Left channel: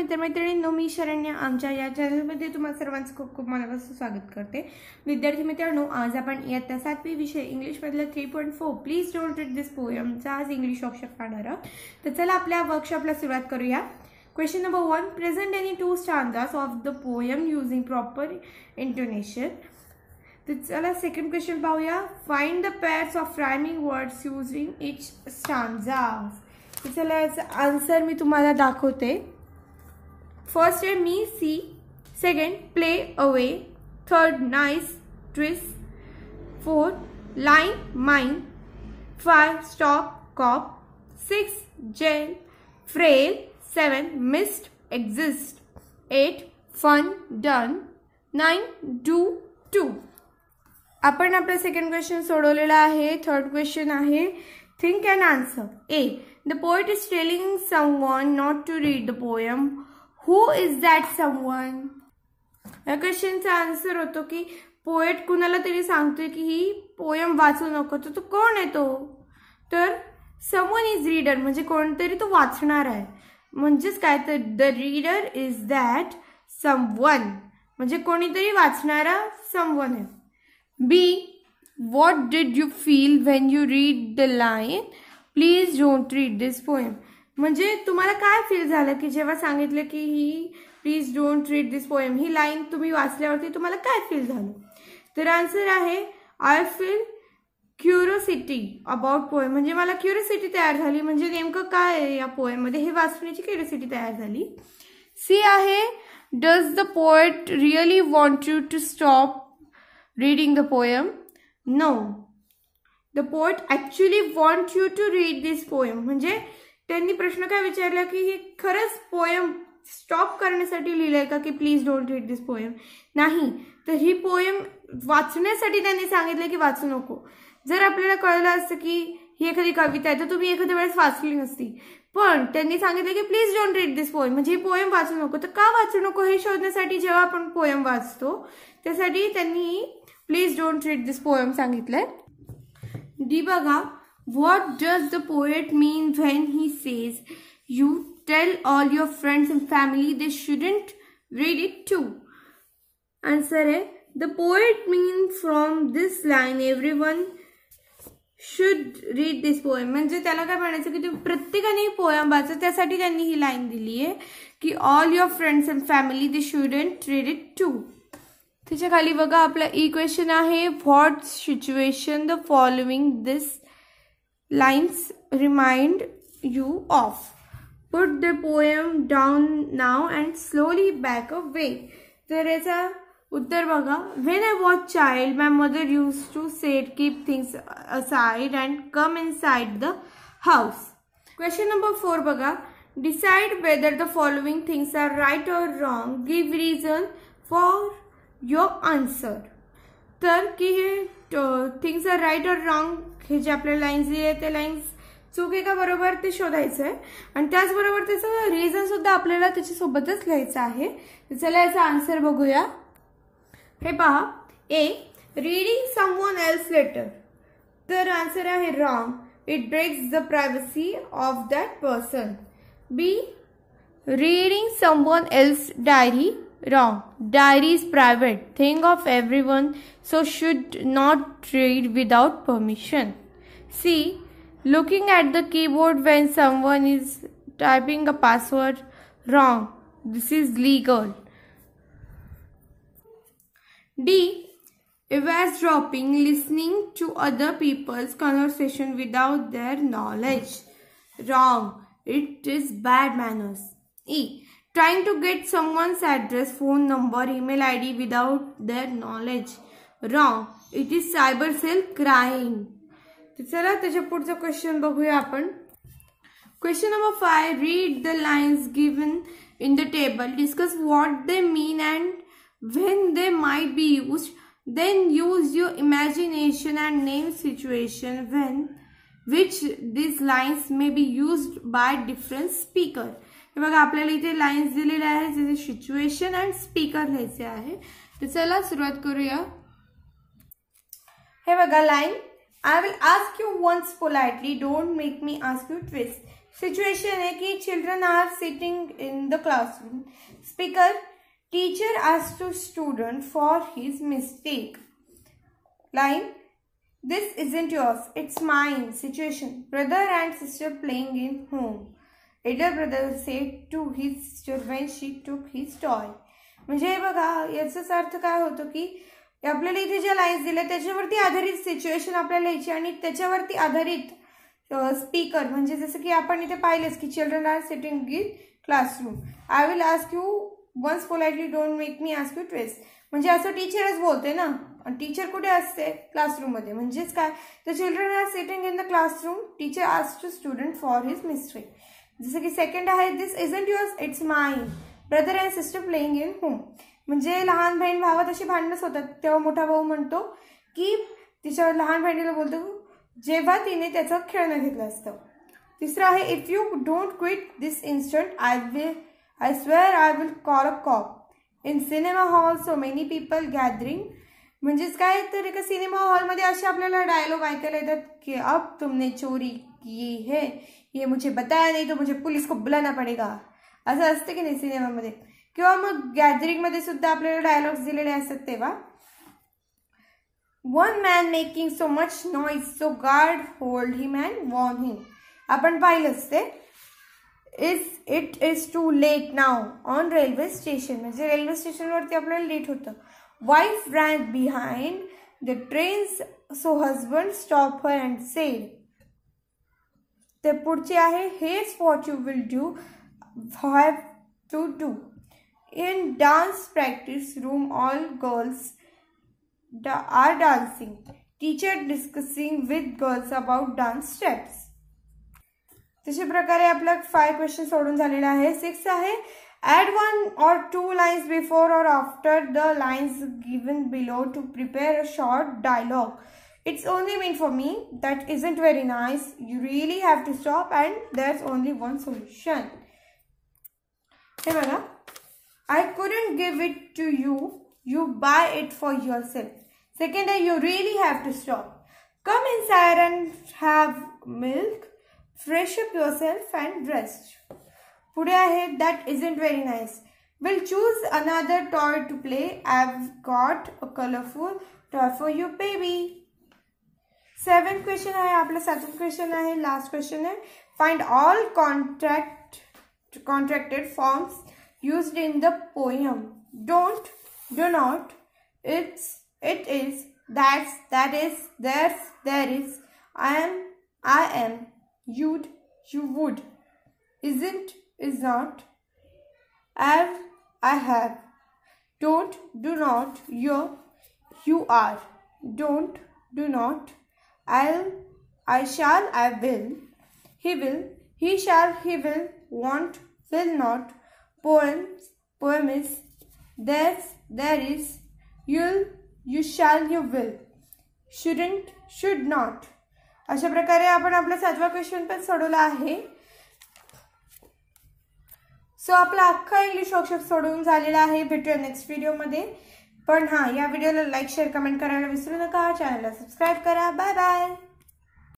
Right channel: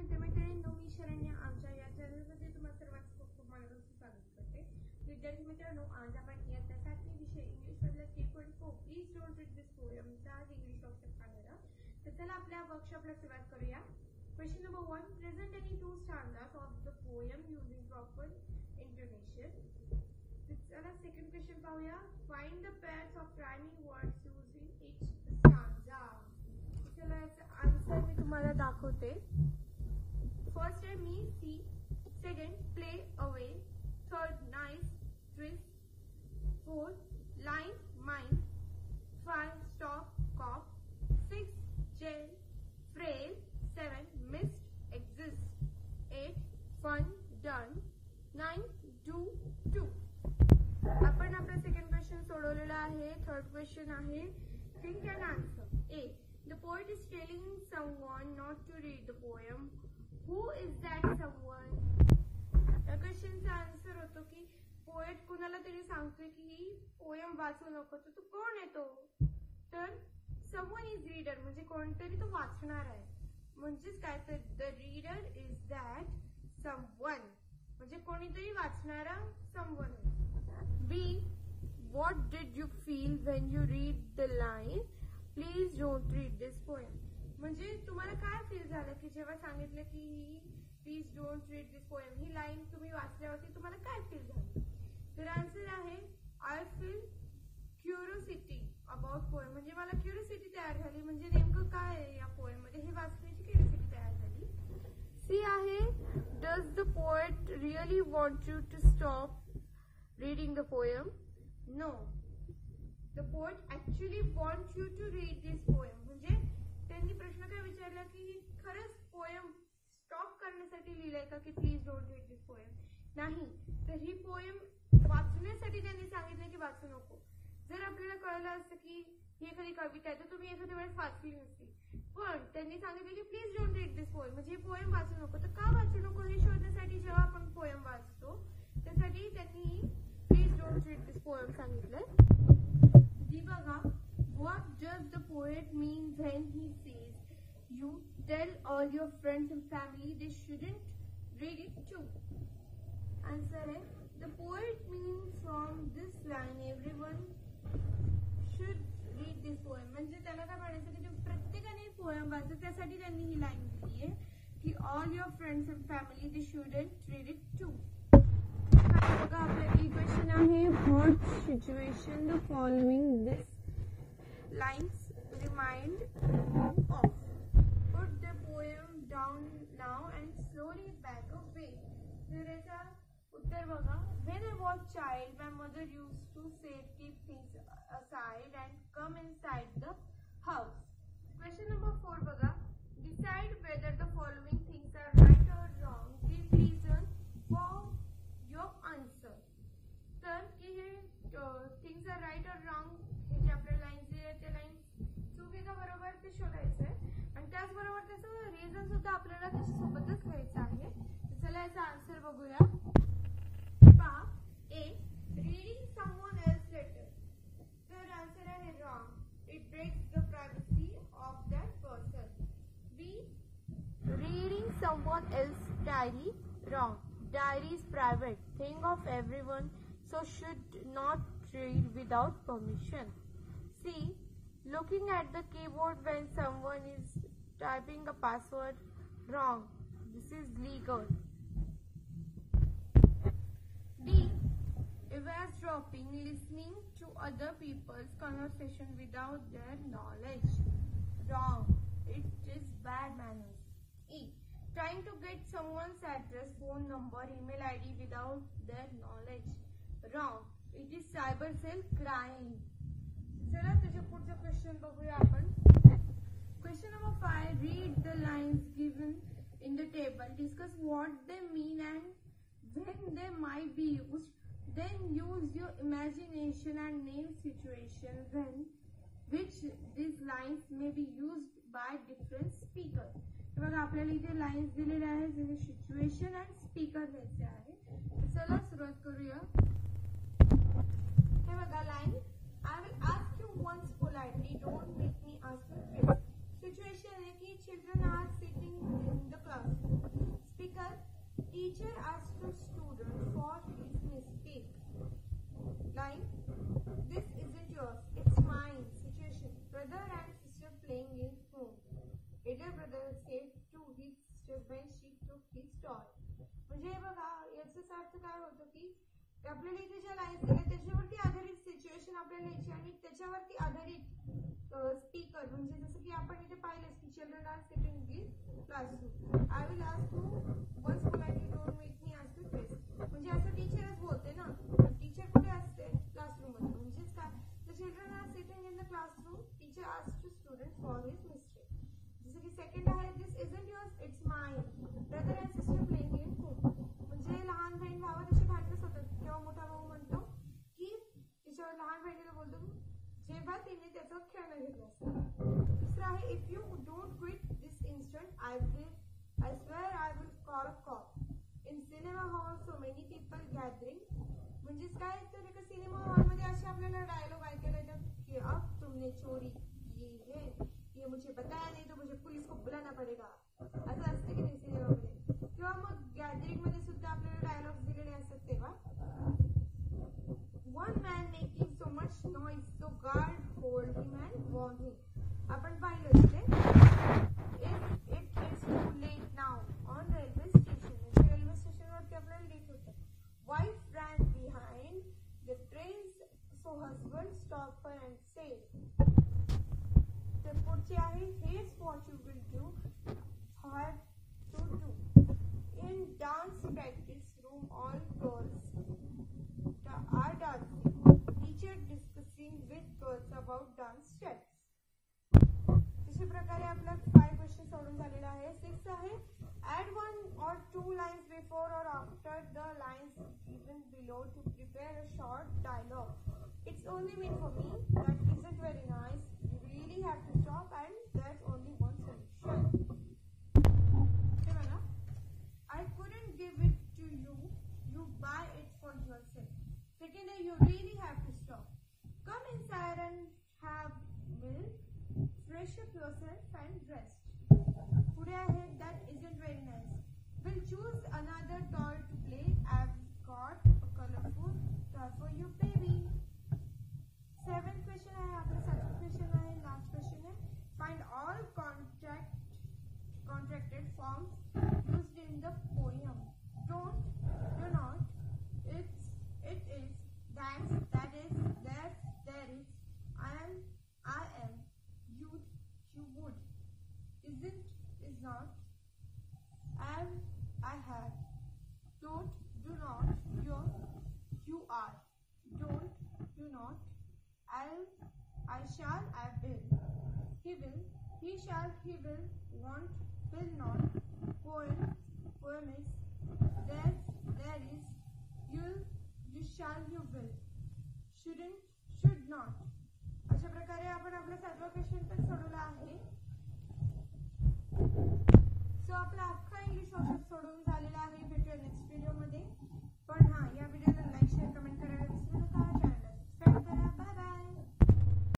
मित्रमैत्रिणींनो, मी शरण्या आमच्या या चॅनलमध्ये तुम्हा सर्वांचं खूप खूप मनापासून स्वागत करते। विद्यार्थी मित्रांनो, आज आपण इयत्ता 7वी विषय इंग्लिशमधला 3.4 please don't read this poem चा आज इंग्लिश वर्कशॉप पाहणार आहोत। तर चला आपल्या वर्कशॉपला सुरुवात करूया। Question number 1, present any two stanzas of the poem using proper intonation. तर चला सेकंड क्वेश्चन पाहूया। Find the pairs of rhyming words using each stanza. तर चला याचा आन्सर मी तुम्हाला दाखवते। फर्स्ट है me see, second play away, third nice twist, fourth line mine, 5 stop cop, 6 jail frail, 7 missed exist, 8 fun done, 9 do two. आपण आपला second question सोडवलेला आहे। थर्ड क्वेश्चन आहे think and answer. A, the poet is telling someone not to read the poem. Who is that someone? या क्वेश्चनचा answer होतो की poet कुणाला तरी सांगतोय की ही पोएम वाचू नको। तर तो कोण आहे तो? तर समवन इज रीडर, म्हणजे कोणतरी तो वाचणार आहे। म्हणजेच काय, तर the reader is that someone, म्हणजे कोणीतरी वाचणारा समवन आहे। B, what did you feel when you read the line please don't read this poem. म्हणजे तुम्हाला काय फील झालं की जेव्हा सांगितलं की ही please don't read this poem, ही लाईन तुम्ही वाचल्यावरती तुम्हाला काय फील झालं? तर आन्सर आहे I feel curiosity about poem, म्हणजे मला क्युरियोसिटी तयार झाली, म्हणजे नेमकं काय आहे या पोएममध्ये हे वाचण्याची क्युरियोसिटी तयार झाली। सी आहे does the poet really want you to stop reading the poem? No, the poet actually want you to read this poem, म्हणजे त्यांनी प्रश्न काय विचारला की हे खरंच पोएम स्टॉप करण्यासाठी लिहिलंय का की please don't read this poem? नाही, तर ही पोएम वाचण्यासाठी त्यांनी सांगितलं की वाचू नको। जर आपल्याला कळलं असतं की ही एखादी कविता आहे तर तुम्ही एखाद्या वेळेस वाचली नसती, पण त्यांनी सांगितलं की please don't read this poem, म्हणजे ही पोएम वाचू नको। तर का वाचू नको हे शोधण्यासाठी जेव्हा आपण पोएम वाचतो त्यासाठी त्यांनी please don't read this poem सांगितलंय। डी बघा, what does the poet mean when he says you tell all your friends and family they shouldn't read it too? Answer है the poet means from this line everyone should read this poem, म्हणजे त्याला काय म्हणायचं की तुम्ही प्रत्येकाने poem वाचा, त्यासाठी त्यांनी ही लाईन दिली आहे की all your friends and family they shouldn't read it too। त्याच्या खाली बघा आपला ई क्वेश्चन आहे what situation the following this lines remind you of? Put the poem down now and slowly back away. तर याचा उत्तर बघा, when I was child my mother used to say keep things aside and come inside the house. Question number 4 बघा, decide whether the following things are right or wrong, give reason for your answer। तर की things R right और wrong हे जे आपल्या lines दिले ते lines चूक आहे का बरोबर ते शोधायचं आहे, आणि त्याचबरोबर त्याचं रिझन सुद्धा आपल्याला त्याच्यासोबतच लिहायचं आहे। तर चला याचा आन्सर बघूया। हे पहा, A, reading someone else letter, तर आन्सर आहे wrong, it breaks the privacy of that person. B, reading someone else diary, wrong, diary is private thing of everyone so should not read without permission। C, looking at the keyboard when someone is typing a password, wrong, this is legal। D, eavesdropping, listening to other people's conversation without their knowledge, wrong, it is bad manners। E, trying to get someone's address, phone number, email ID without their knowledge, wrong, it is cyber cell crime। चला त्याच्या पुढचा question बघूया आपण। Question number 5, read the lines given in the table, discuss what they mean and when they might be used, then use your imagination and name situation when which these lines may be used by different speaker। हे बघा आपल्याला इथे lines दिलेले आहेत ज्याचे situation and speaker लिहायचे आहे। तर चला सुरुवात करूया। हे बघा line, I will ask you once politely, don't make me ask you twice. Situation है कि children are sitting in the classroom. Speaker, teacher asked to student for his mistake. Line, this isn't yours, it's mine. Situation, brother and sister playing in home. Elder brother said to his sister when she took his toy. म्हणजे बघा याचाच अर्थ काय होतो की आपल्याला इथे ज्या लाईन्स दिल्या त्याच्यावरती आधारित सिच्युएशन आपल्याला लिहायची आणि त्याच्यावरती आधारित स्पीकर. म्हणजे जसं की आपण इथे पाहिलंच की children are sitting in classroom. I will ask you once politely, don't make me ask you twice. म्हणजे असं टीचरच बोलते ना, टीचर कुठे असते? क्लासरूम मध्ये. म्हणजेच काय, the children are sitting in the classroom, teacher asked to student for his mistake. जसं की सेकंड आहे, this isn't yours, it's mine. Brother and sister playing in home. म्हणजे लहान बहीण भावात अशी भांडणच होतात तेव्हा मोठा भाऊ म्हणतो की तिच्या लहान बहिणीला बोलतो जेव्हा तिने त्याचं खेळणं घेतलं असतं. तिसरं आहे, if you don't quit this instant I swear I will call a cop. In cinema hall so many people gathering. म्हणजेच काय तर एका सिनेमा हॉलमध्ये असे आपल्याला डायलॉग ऐकायला येतात की अब तुमने चोरी की है, ये मुझे बताया नहीं तो मुझे पुलिस को बुलाना पडेगा. असं असतं की नाही सिनेमामध्ये. किंवा मग गॅदरिंगमध्ये सुद्धा आपल्याला डायलॉग्स दिलेले असतात तेव्हा. One man making so much noise so guard hold him and warn him. आपण पाहिलंच ते. It is too late now on railway station. म्हणजे रेल्वे स्टेशनवरती आपल्याला लेट होतं. Wife ran behind the trains so husband stop her and said. ते पुढचे आहे, हेच what you will do have to do. In dance practice room all girls are dancing. Teacher discussing with girls about dance steps. तशा प्रकारे आपला 5 question सोडून झालेला आहे. 6 आहे, add 1 or 2 lines before or after the lines given below to prepare a short dialogue. It's only meant for me. That isn't very nice. You really have to stop and there's only one solution. हे बघा, I couldn't give it to you. You buy it for yourself. Second आहे, you really have to stop. Come inside and have milk. Fresh up yourself and rest. पुढे आहे, that isn't very nice. We'll choose another toy to play. I've got a colorful toy for you, baby. 7th question आहे आपला. 7th question आहे, last question आहे. Find all contracted forms used in the poem. Don't, do not, it is, that's, that is, there's, there is, I am, you'd, you would, isn't, is not, I have, don't, do not, you are, don't, do not, I'll, I shall, I will, he shall, he will, want, will not, poem is, there's, there is, you'll, you shall, you will, shouldn't, should not. अशा प्रकारे आपण आपला 7वा question पण सोडवला आहे. So आपला अख्खा English worksheet सोडवून झालेला आहे. भेटूया नेक्स्ट व्हिडिओमध्ये. पण हां, या व्हिडिओला लाईक, शेअर, कमेंट करायला विसरू नका. चॅनलला सबस्क्राईब करा. Bye bye.